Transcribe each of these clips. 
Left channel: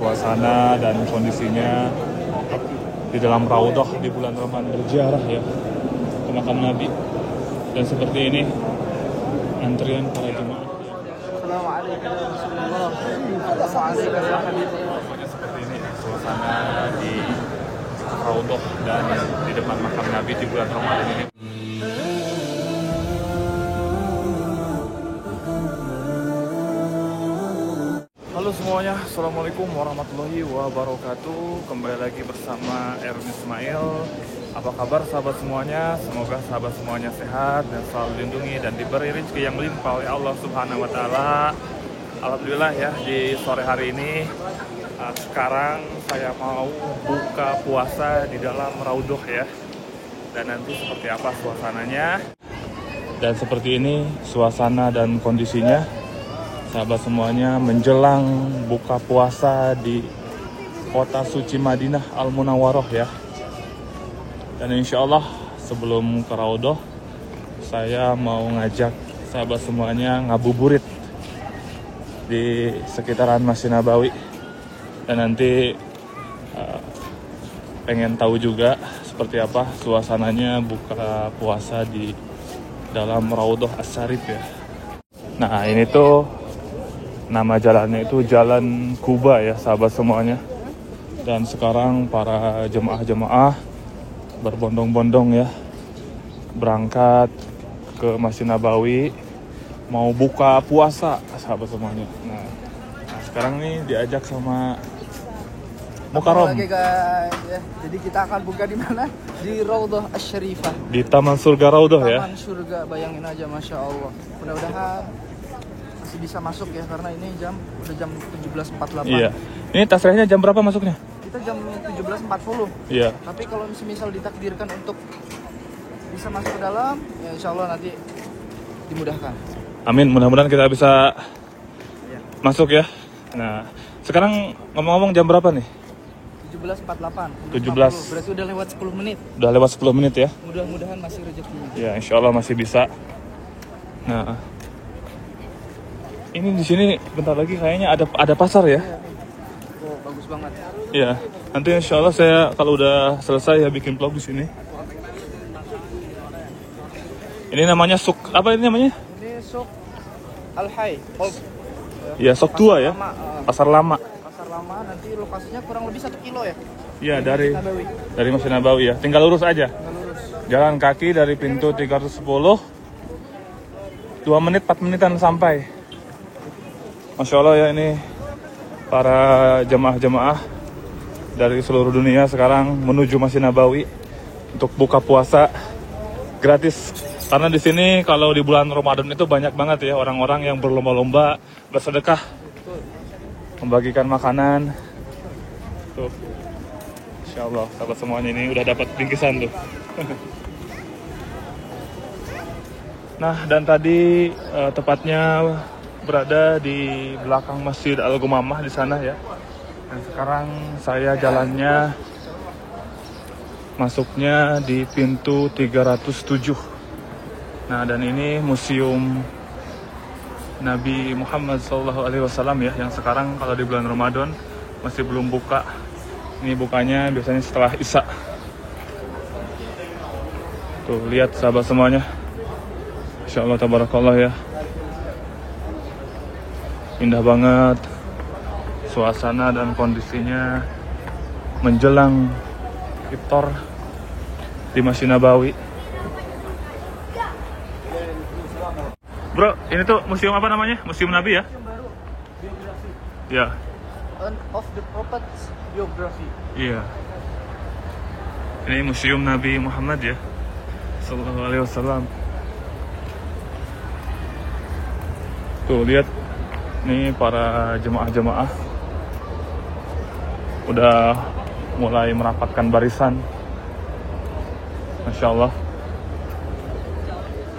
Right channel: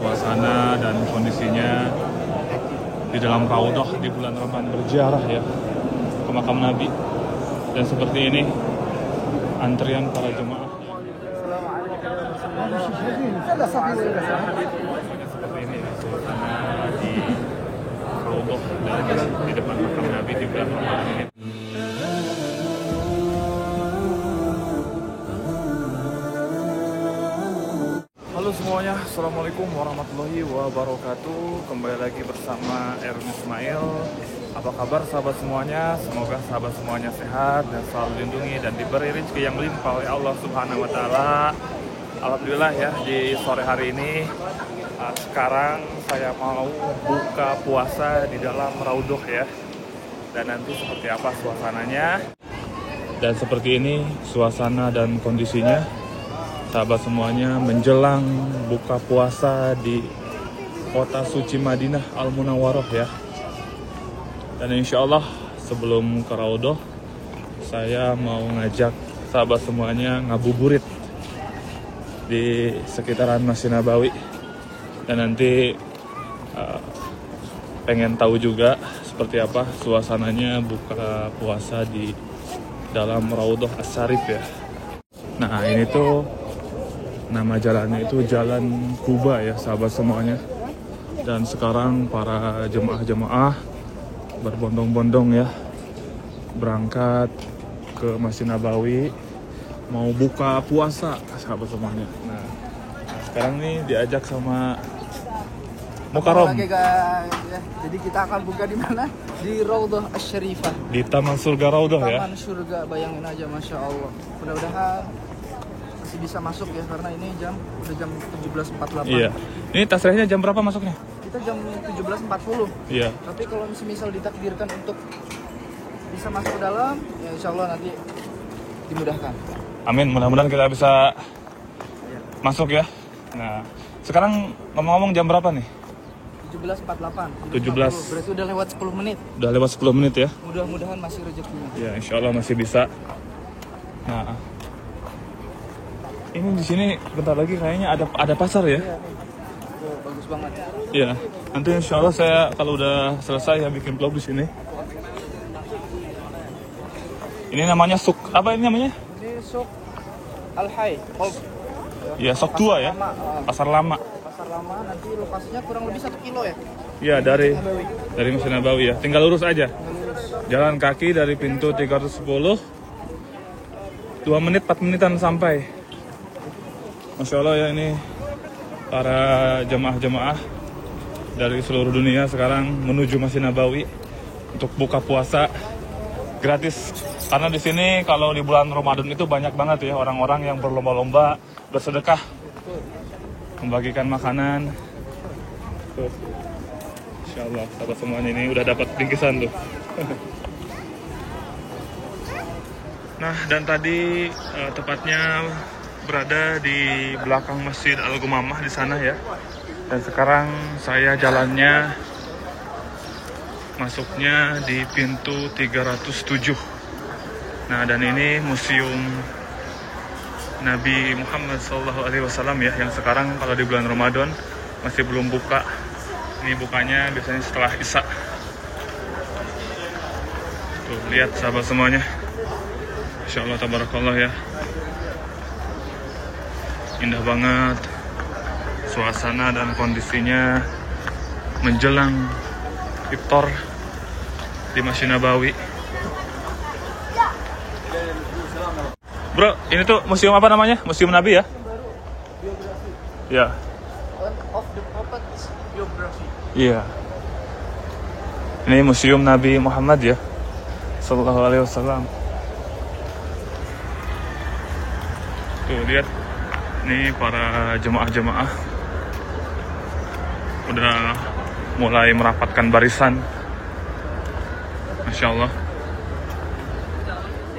Suasana dan kondisinya di dalam Raudhah di bulan Ramadan berziarah ya ke makam Nabi. Dan seperti ini antrian para jemaah. Seperti ini suasana di Raudhah dan di depan makam Nabi di bulan Ramadan ini. Halo semuanya, Assalamualaikum warahmatullahi wabarakatuh. Kembali lagi bersama Erwin Ismail. Apa kabar sahabat semuanya? Semoga sahabat semuanya sehat dan selalu dilindungi dan diberi rezeki yang melimpah oleh Allah Subhanahu wa Ta'ala. Alhamdulillah ya, di sore hari ini sekarang saya mau buka puasa di dalam Raudhah ya. Dan nanti seperti apa suasananya. Dan seperti ini suasana dan kondisinya sahabat semuanya menjelang buka puasa di kota suci Madinah Al-Munawwarah ya. Dan insya Allah sebelum ke Raudhah saya mau ngajak sahabat semuanya ngabuburit di sekitaran Masjid Nabawi. Dan nanti pengen tahu juga seperti apa suasananya buka puasa di dalam Raudhah Asy-Syarif ya. Nah ini tuh nama jalannya itu Jalan Kuba ya sahabat semuanya. Dan sekarang para jemaah-jemaah berbondong-bondong ya berangkat ke Masjid Nabawi mau buka puasa sahabat semuanya. Nah sekarang nih diajak sama Mukarram. Oke guys ya. Jadi kita akan buka di mana? Di Raudhah Asy-Syarifah. Di Taman Surga Raudhah ya. Taman Surga, bayangin aja, masya Allah. Mudah-mudahan masih bisa masuk ya karena ini udah jam 17.48. Iya. Ini tasrehnya jam berapa masuknya? Kita jam 17.40. Iya. Tapi kalau misal ditakdirkan untuk bisa masuk ke dalam, ya insya Allah nanti dimudahkan. Amin, mudah-mudahan kita bisa masuk ya. Nah, sekarang ngomong-ngomong jam berapa nih? 17.48. 17. Berarti udah lewat 10 menit. Udah lewat 10 menit ya? Mudah-mudahan masih rezekinya. Ya, insya Allah masih bisa. Nah, ini di sini bentar lagi kayaknya ada pasar ya? Iya. Oh, bagus banget. Iya. Nanti insya Allah saya kalau udah selesai ya bikin vlog di sini. Ini namanya Suk apa ini namanya? Ini Suk Al-Hay. Ya, Suk Tua ya. Pasar lama. Pasar lama, nanti lokasinya kurang lebih 1 kilo ya? Iya, dari Masjid Nabawi ya. Tinggal lurus aja. Jalan kaki dari pintu 310. 2 menit, 4 menitan sampai. Masya Allah ya, ini para jemaah-jemaah dari seluruh dunia sekarang menuju Masjid Nabawi untuk buka puasa gratis. Karena di sini kalau di bulan Ramadan itu banyak banget ya orang-orang yang berlomba-lomba bersedekah, membagikan makanan. Tuh, Insya Allah sahabat semuanya ini udah dapat bingkisan tuh. Nah, dan tadi tepatnya berada di belakang Masjid Al-Gumamah di sana ya. Dan sekarang saya jalannya masuknya di pintu 307. Nah, dan ini museum Nabi Muhammad SAW ya, yang sekarang kalau di bulan Ramadan masih belum buka. Ini bukanya biasanya setelah Isya. Tuh, lihat sahabat semuanya. Insya Allah tabarakallah ya. Indah banget suasana dan kondisinya menjelang iftar di Masjid Nabawi. Bro, ini tuh museum apa namanya? Museum Nabi ya? Ya. Iya. Ini museum Nabi Muhammad ya, Sallallahu Alaihi Wasallam. Tuh lihat. Ini para jemaah-jemaah udah mulai merapatkan barisan. Masya Allah.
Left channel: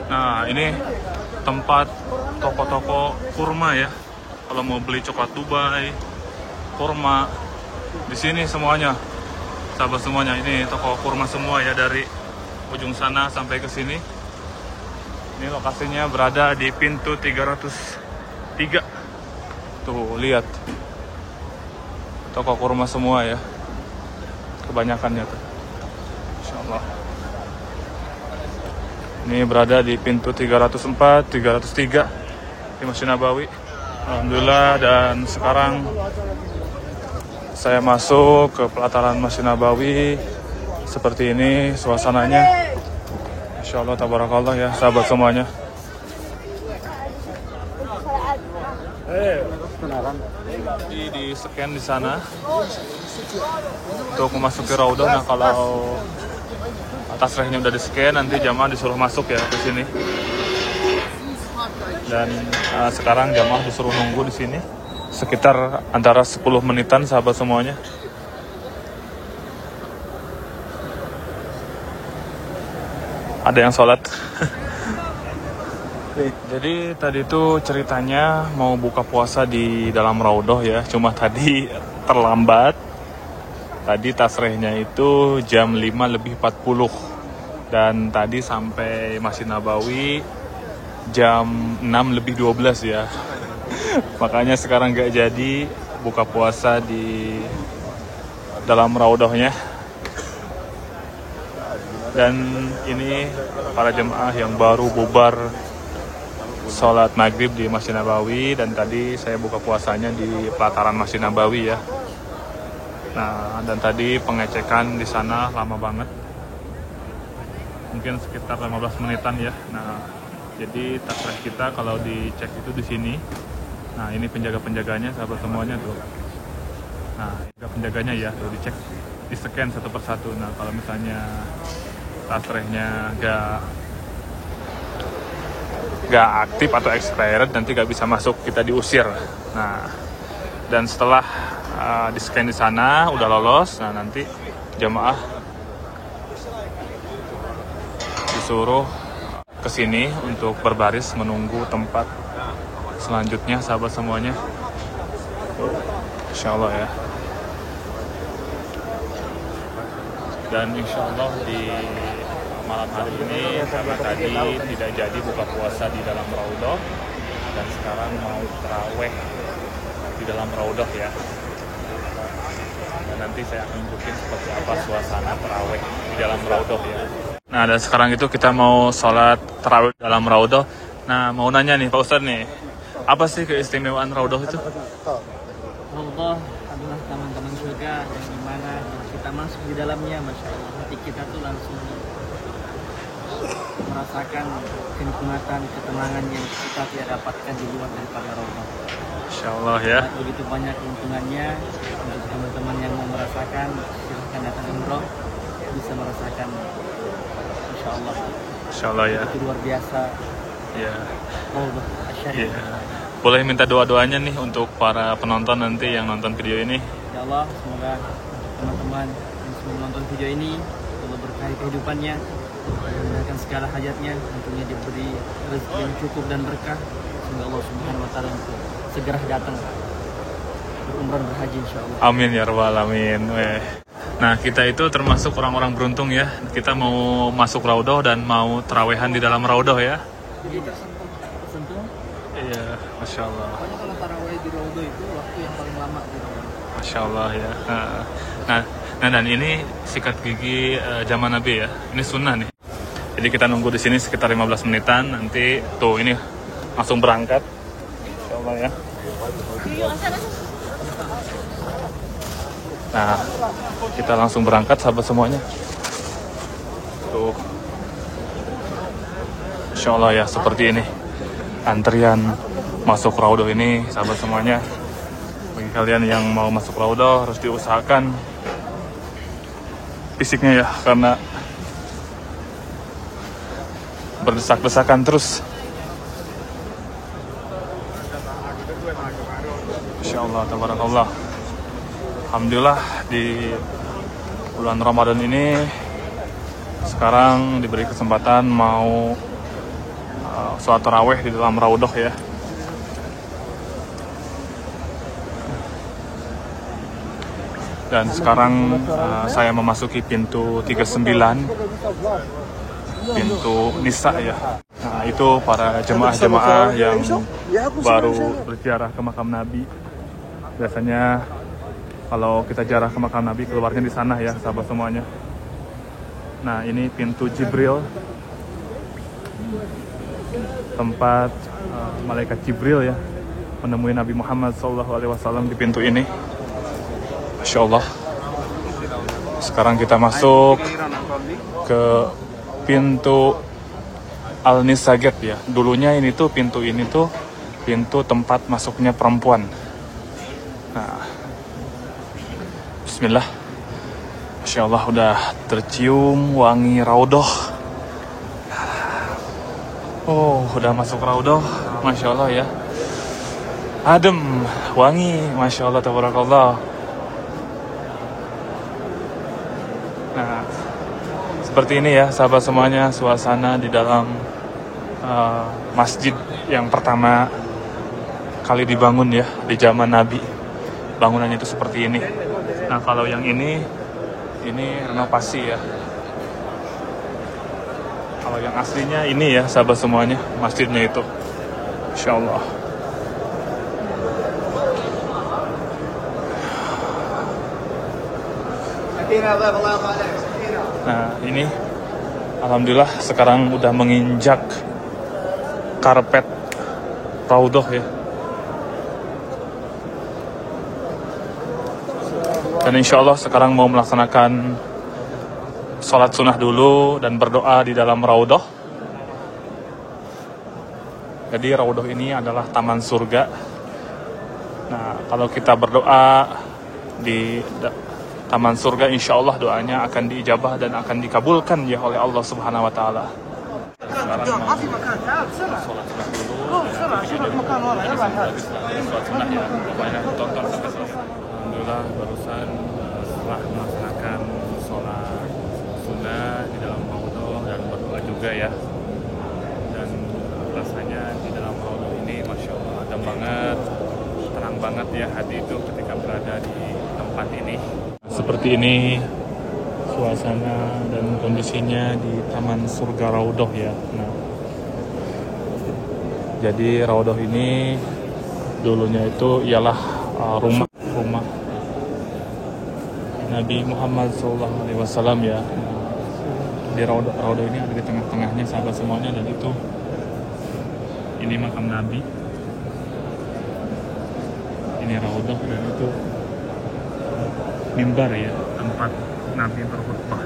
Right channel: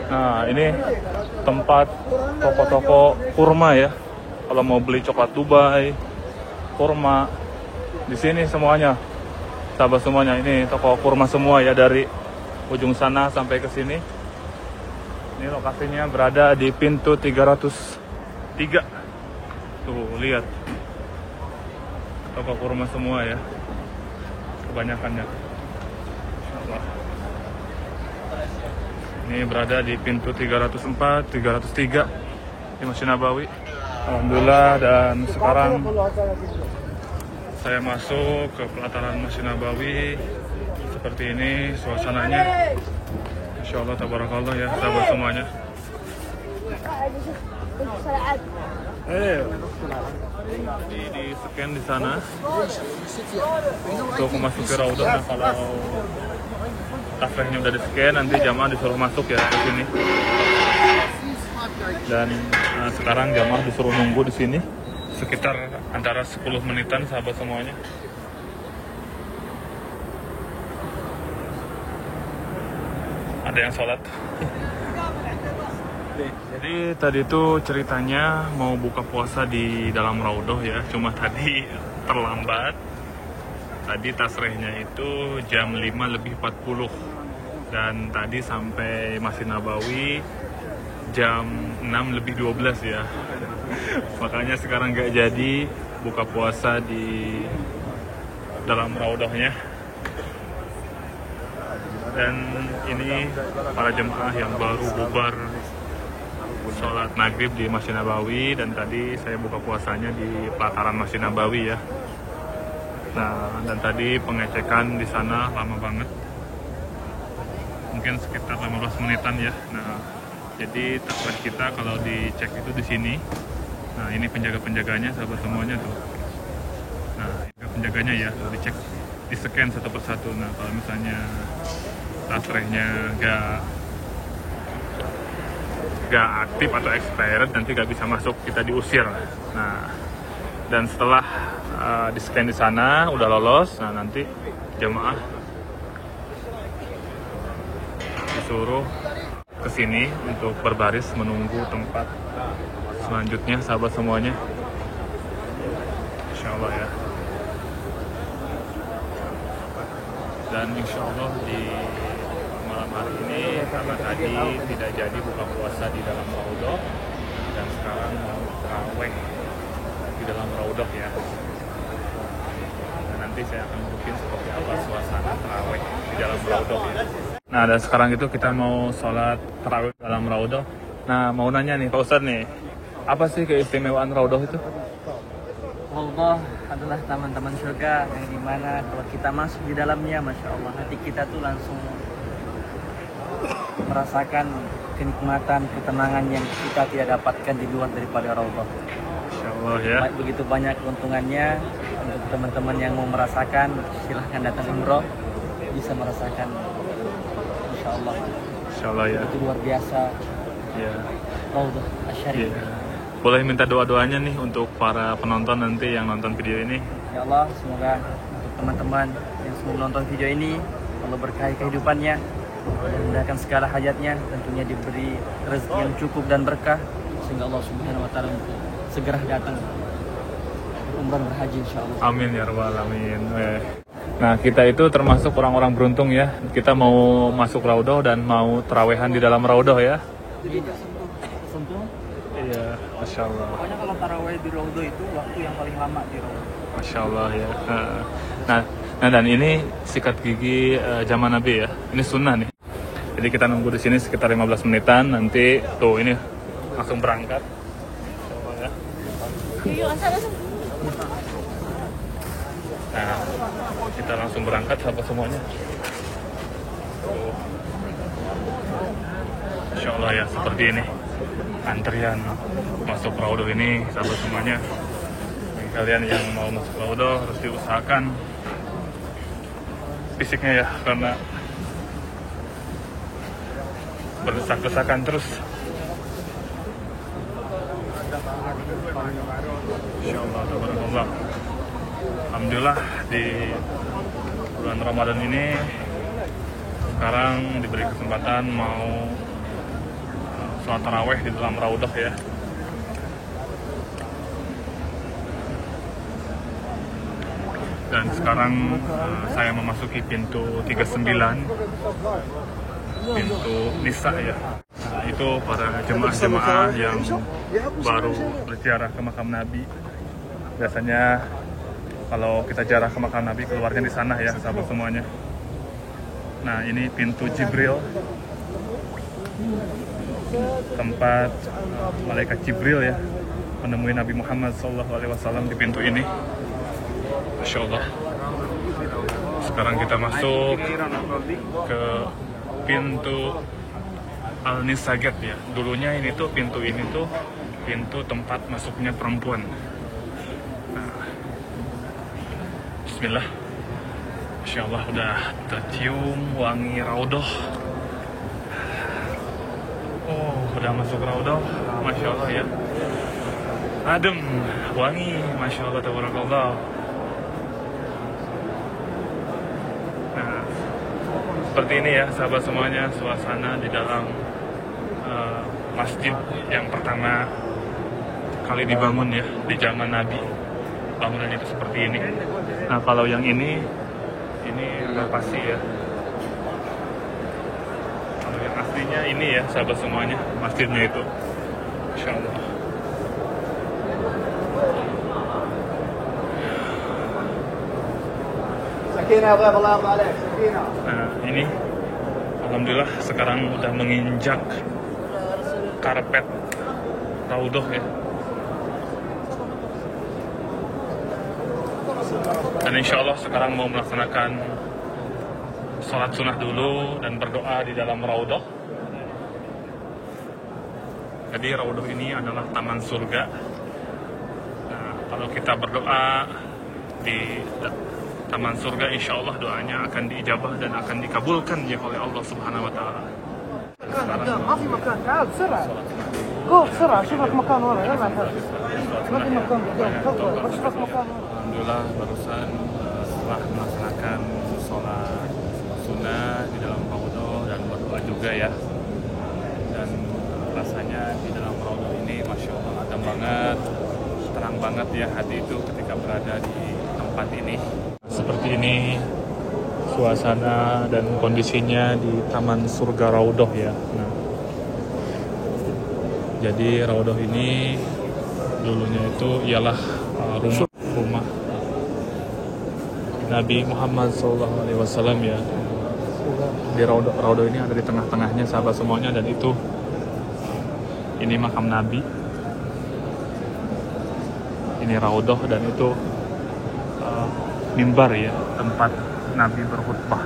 Nah ini tempat toko-toko kurma ya. Kalau mau beli coklat Dubai, kurma, di sini semuanya. Sahabat semuanya, ini toko kurma semua ya, dari ujung sana sampai ke sini. Ini lokasinya berada di pintu 303. Tuh, lihat. toko kurma semua ya, kebanyakannya tuh. Insyaallah. Ini berada di pintu 304, 303 di Masjid Nabawi. Alhamdulillah, dan sekarang saya masuk ke pelataran Masjid Nabawi. Seperti ini suasananya. Masya Allah, tabarakallah ya sahabat semuanya. Di scan di sana untuk memasuki Raudhah. Nah, kalau tasrehnya udah di scan, nanti jamaah disuruh masuk ya ke sini. Dan sekarang jamaah disuruh nunggu di sini sekitar antara 10 menitan sahabat semuanya. Ada yang sholat. Jadi tadi itu ceritanya mau buka puasa di dalam Raudhah ya, cuma tadi terlambat. Tadi tasrehnya itu jam 5:40 dan tadi sampai Masjid Nabawi jam 6:12 ya. Makanya sekarang gak jadi buka puasa di dalam Raudhahnya. Dan ini para jemaah yang baru bubar sholat maghrib di Masjid Nabawi, dan tadi saya buka puasanya di pelataran Masjid Nabawi ya. Nah, dan tadi pengecekan di sana lama banget, mungkin sekitar 15 menitan ya. Nah, jadi tasreh kita kalau dicek itu di sini. Nah, ini penjaga-penjaganya sahabat semuanya tuh. Nah, penjaganya ya tuh dicek, di scan satu persatu. Nah, kalau misalnya tasrehnya gak aktif atau expired, nanti gak bisa masuk, kita diusir. Nah, dan setelah di scan di sana udah lolos, nah nanti jemaah disuruh ke sini untuk berbaris menunggu tempat selanjutnya sahabat semuanya. Insyaallah ya. Dan insyaallah di malam hari ini tadi tidak jadi buka puasa di dalam Raudhah, dan sekarang mau tarawih di dalam Raudhah ya. Dan nanti saya akan tunjukin seperti apa suasana tarawih di dalam Raudhah ya. Nah, dan sekarang itu kita mau sholat tarawih dalam Raudhah. Nah, mau nanya nih Pak Ustadz nih, apa sih keistimewaan Raudhah itu? Raudhah adalah taman-taman surga yang dimana kalau kita masuk di dalamnya, Masya Allah, hati kita tuh langsung merasakan kenikmatan, ketenangan yang kita tidak dapatkan di luar daripada Raudhah. Masya Allah ya. Begitu banyak keuntungannya. Untuk teman-teman yang mau merasakan, silahkan datang umroh, bisa merasakan. Masya Allah. Masya Allah ya. Itu luar biasa. Ya. Raudhah Asy-Syarif. Ya. Boleh minta doa-doanya nih untuk para penonton nanti yang nonton video ini. Ya Allah, semoga untuk teman-teman yang semua menonton video ini, Allah berkahi kehidupannya, Allah mudahkan segala hajatnya, tentunya diberi rezeki yang cukup dan berkah, sehingga Allah Subhanahu wa Ta'ala untuk segera datang berumrah berhaji insyaallah. Amin ya rabbal alamin. Nah, kita itu termasuk orang-orang beruntung ya. Kita mau masuk Raudhah dan mau tarawehan di dalam Raudhah ya. Iya, sentuh. Iya, Masya Allah. Pokoknya kalau tarawih di Raudhah itu waktu yang paling lama di Raudhah. Masya Allah ya. Nah, dan ini sikat gigi zaman Nabi ya. Ini sunnah nih. Jadi kita nunggu di sini sekitar 15 menitan. Nanti tuh ini langsung berangkat. Masya Allah ya. Nah, kita langsung berangkat sahabat semuanya. Tuh. Masya Allah ya, seperti ini antrian masuk Raudhah ini sahabat semuanya. Bagi kalian yang mau masuk Raudhah harus diusahakan fisiknya ya, karena berdesak-desakan terus. Insyaallah, tabarakallah. Alhamdulillah di bulan Ramadan ini sekarang diberi kesempatan mau sholat tarawih di dalam Raudhah ya. Dan sekarang saya memasuki pintu 39, pintu Nisa ya. Nah, itu para jemaah-jemaah yang baru berziarah ke makam Nabi. Biasanya Kalau kita ziarah ke makam Nabi, keluarnya di sana ya, sahabat semuanya. Nah, ini pintu Jibril, tempat malaikat Jibril ya menemui Nabi Muhammad SAW di pintu ini. Masya Allah. Sekarang kita masuk ke pintu Al-Nisajat ya. Dulunya ini tuh pintu tempat masuknya perempuan. Nah, Bismillah. Masya Allah, udah tercium wangi raudhah. Oh, udah masuk raudhah. Masya Allah ya. Adem, wangi. Masya Allah, tabarakallah. Nah, seperti ini ya sahabat semuanya, suasana di dalam masjid yang pertama kali dibangun ya di zaman Nabi. Bangunannya itu seperti ini. Nah, kalau yang ini renovasi ya. Kalau yang aslinya ini ya sahabat semuanya, masjidnya itu. Insya Allah. Nah, ini alhamdulillah sekarang udah menginjak karpet raudhah ya. Dan insya Allah sekarang mau melaksanakan sholat sunnah dulu dan berdoa di dalam raudhah. Jadi raudhah ini adalah taman surga. Nah, kalau kita berdoa di taman surga, insya Allah doanya akan diijabah dan akan dikabulkan ya oleh Allah Subhanahu Wa Taala. Alhamdulillah barusan setelah melaksanakan sholat sunnah di dalam raudhah dan berdoa juga ya. Dan rasanya di dalam raudhah ini Masya Allah adem banget, tenang banget ya hati itu ketika berada di tempat ini. Seperti ini suasana dan kondisinya di Taman Surga Raudhah ya. Nah, jadi raudhah ini dulunya itu ialah rumah Nabi Muhammad SAW ya. Di raudhah ini ada di tengah-tengahnya sahabat semuanya, dan itu ini makam Nabi. Ini raudhah dan itu mimbar ya, tempat Nabi berkhutbah.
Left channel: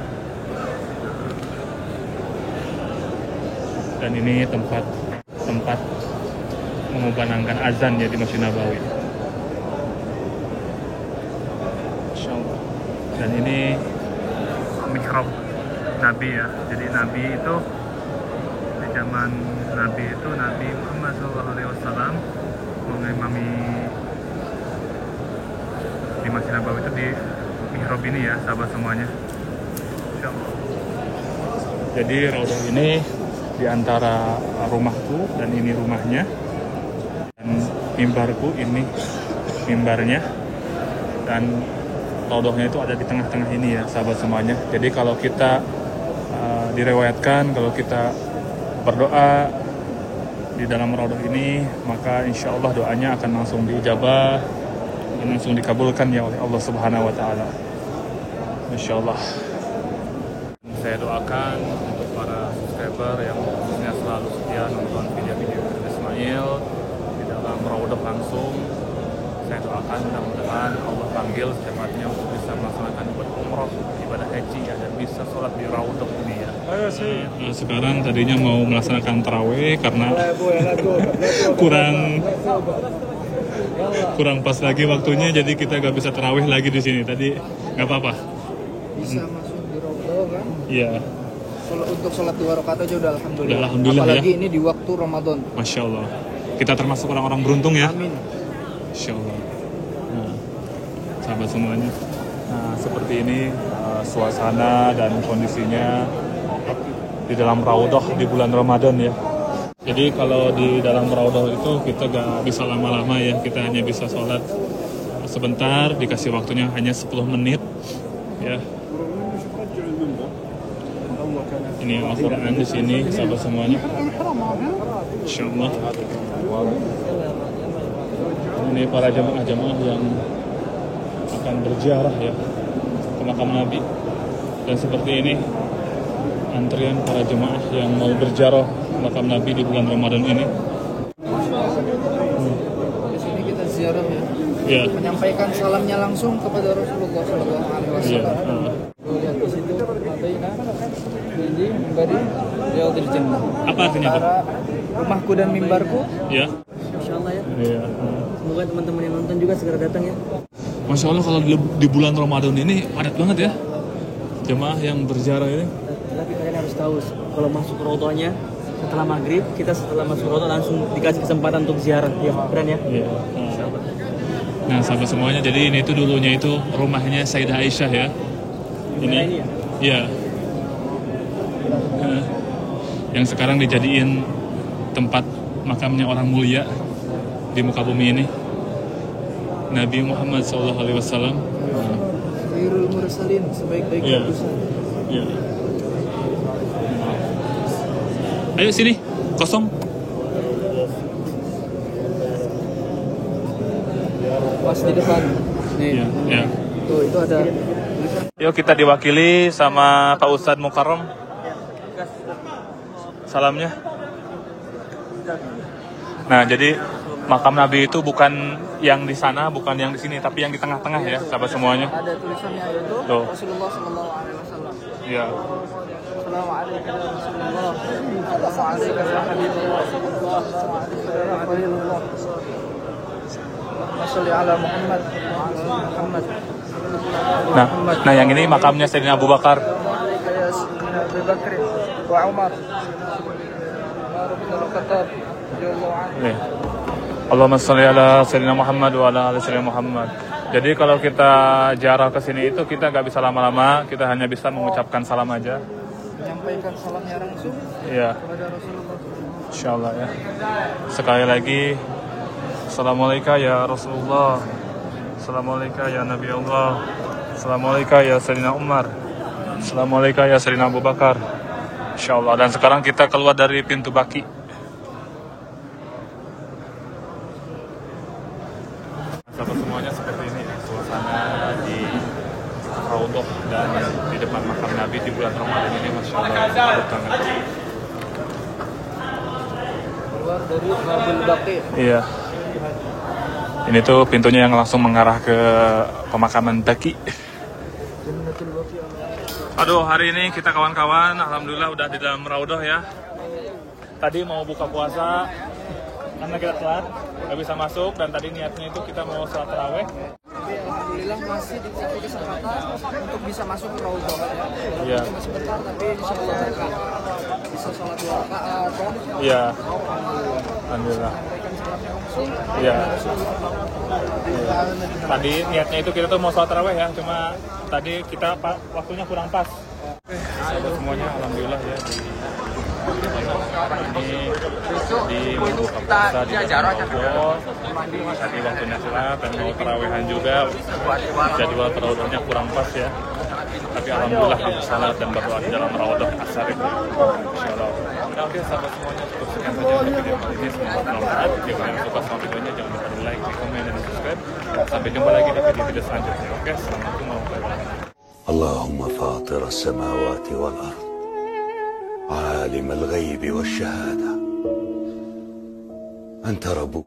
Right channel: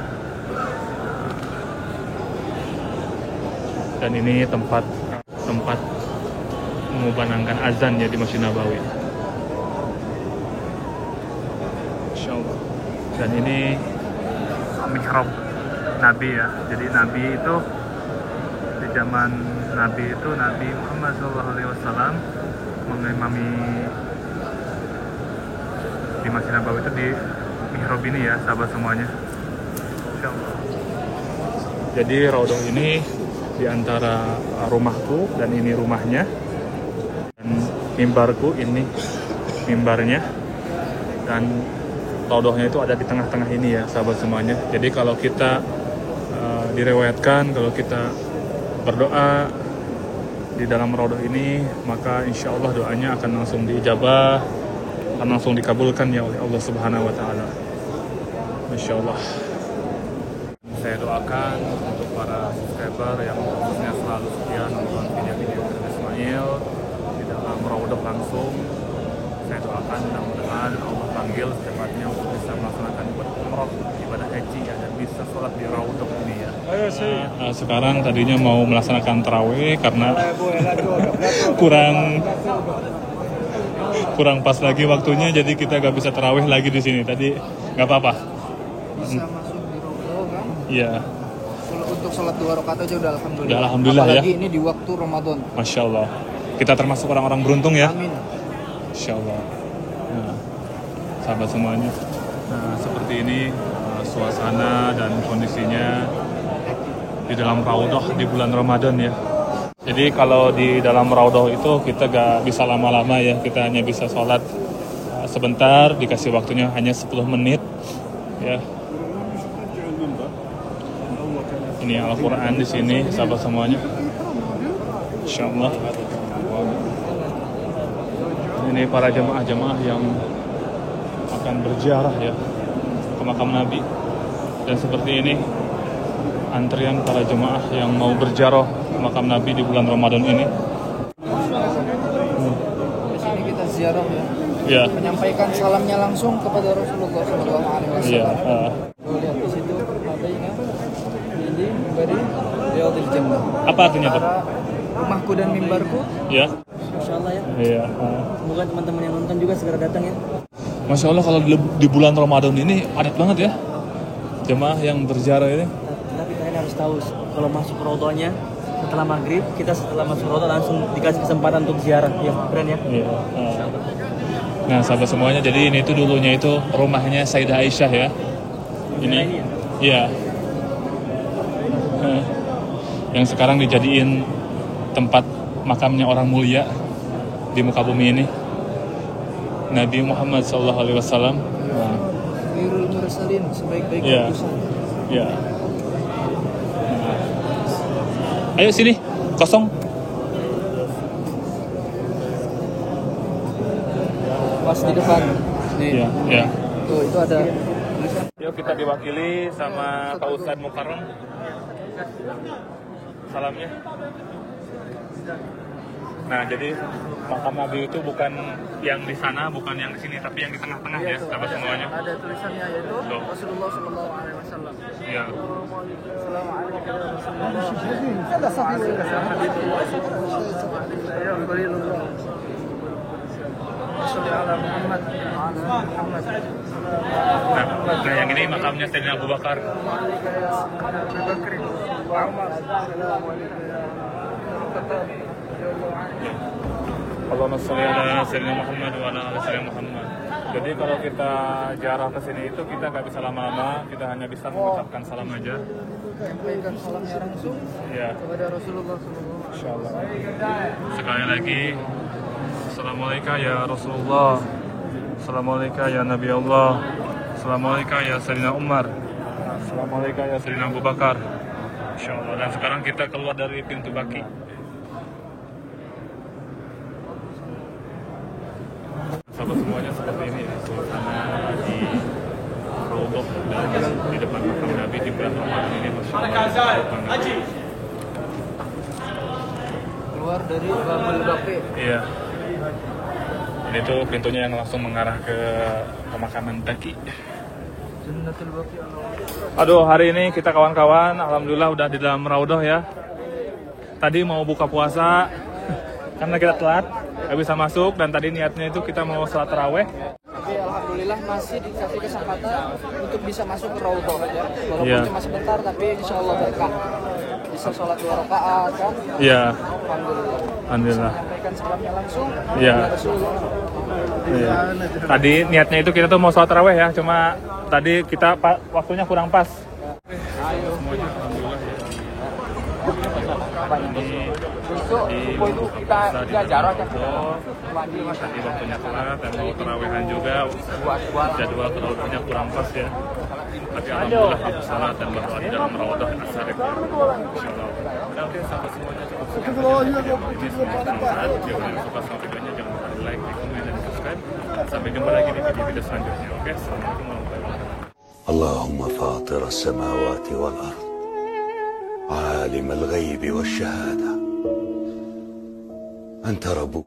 Dan ini tempat mengumandangkan azan ya di Masjid Nabawi. Insyaallah. Dan ini mihrab Nabi ya. Jadi Nabi itu di zaman Nabi itu Nabi Muhammad SAW mengimami di Masjid Nabawi itu di mihrab ini ya sahabat semuanya. Jadi raudhah ini di antara rumahku dan ini rumahnya, dan mimbarku ini mimbarnya, dan raudhahnya itu ada di tengah-tengah ini ya sahabat semuanya. Jadi kalau kita direwayatkan kalau kita berdoa di dalam raudhah ini, maka insya Allah doanya akan langsung diijabah, akan langsung dikabulkan ya oleh Allah Subhanahu Wa Taala. Masya Allah. Saya doakan untuk para subscriber yang khususnya selalu setia nonton video-video Ismail di dalam raudhah langsung. Saya doakan mudah-mudahan Allah panggil secepatnya untuk bisa melaksanakan ibadah umroh, ibadah haji ya, dan bisa sholat di raudhah ini ya. Nah, sekarang tadinya mau melaksanakan tarawih karena kurang pas lagi waktunya, jadi kita gak bisa tarawih lagi di sini. Tadi nggak apa-apa. Bisa masuk di raudhah kan? Iya. Untuk sholat 2 rakaat aja udah alhamdulillah. Udah, alhamdulillah apalagi ya. Ini di waktu Ramadan. Masya Allah. Kita termasuk orang-orang beruntung ya. Amin. Insya Allah. Nah, sahabat semuanya. Nah, seperti ini suasana dan kondisinya di dalam raudhah di bulan Ramadan ya. Jadi kalau di dalam raudhah itu kita gak bisa lama-lama ya. Kita hanya bisa sholat sebentar, dikasih waktunya hanya 10 menit ya. Ini Al-Quran di sini, sahabat semuanya. Insya Allah. Ini para jemaah-jemaah yang akan berziarah ya ke makam Nabi. Dan seperti ini antrian para jemaah yang mau berziarah ke makam Nabi di bulan Ramadan ini. Di sini kita ziarah ya. Ya. Menyampaikan salamnya langsung kepada Rasulullah SAW. Iya. Lihat di situ Madaina ini memberi Riyadhil Jannah. Apa artinya itu? Rumahku dan mimbarku. Ya. Masya Allah ya. Iya. Semoga teman-teman yang nonton juga segera datang ya. Masya Allah kalau di bulan Ramadan ini padat banget ya jemaah yang berziarah ini. Tapi kalian harus tahu kalau masuk raudhahnya setelah maghrib, kita setelah masuk raudhah langsung dikasih kesempatan untuk ziarah ya, keren ya. Iya. Nah sahabat semuanya, jadi ini tuh dulunya itu rumahnya Sayyidah Aisyah ya. Ini ya? Iya. Yang sekarang dijadiin tempat makamnya orang mulia di muka bumi ini, Nabi Muhammad SAW. Khairul mursalin, sebaik-baik utusan. Iya. Ayo sini, kosong. Pas di depan. Nih. Iya, iya. Tuh, itu ada. Yuk kita diwakili sama Pak Ustadz Mukarram. Salamnya. Nah, jadi makam Nabi itu bukan yang di sana, bukan yang di sini, tapi yang di tengah-tengah ya, sahabat semuanya. Ada tulisannya yaitu Tuh. Rasulullah SAW. Ya. Nah yang ini makamnya Sayyidina Abu Bakar. Nih. Allahumma sholli ala Sayyidina Muhammad wa ala ali Sayyidina Muhammad. Jadi kalau kita ziarah ke sini itu kita nggak bisa lama-lama, kita hanya bisa mengucapkan salam aja. Menyampaikan salamnya langsung kepada Rasulullah. Insyaallah. Ya. Sekali lagi, Assalamualaikum ya Rasulullah, Assalamualaikum ya Nabi Allah, Assalamualaikum ya Sayyidina Umar, Assalamualaikum ya Sayyidina Abu Bakar. Insyaallah. Dan sekarang kita keluar dari pintu Baki. Sahabat semuanya, seperti ini ya suasana di Raudhah dan di depan makam Nabi juga Ramadan ini Masya Allah. Keluar dari Babul Baqi. Iya. Ini tuh pintunya yang langsung mengarah ke pemakaman Baqi. Jannatul Baqi. Aduh, hari ini kita kawan-kawan alhamdulillah udah di dalam Raudhah ya. Tadi mau buka puasa karena kita telat, nggak bisa masuk, dan tadi niatnya itu kita mau sholat taraweh. Tapi alhamdulillah masih dikasih kesempatan untuk bisa masuk ke Raudhah ya. Walaupun cuma sebentar, tapi insya Allah berkah. Bisa sholat 2 rakaat kan? Iya. Alhamdulillah. Bisa menyampaikan salamnya langsung kepada Rasulullah. Tadi niatnya itu kita tuh mau sholat taraweh ya, cuma tadi kita waktunya kurang pas. Sahabat semuanya, alhamdulillah ya. Besok itu kita jarak aja. Mandi waktunya cerah dan mau tarawehan juga. Jadwal tarawehnya kurang pas ya. Tapi alhamdulillah kami salah dan berdoa di dalam Raudhah Asar ini. Insyaallah. Nanti sahabat semuanya cukup sekian. Jangan suka sampai ini, jangan lupa like, komen, dan subscribe. Sampai jumpa lagi di video selanjutnya. Assalamualaikum warahmatullahi wabarakatuh. Allahumma fatir as-samawati wal ard. عالم الغيب والشهادة أنت رب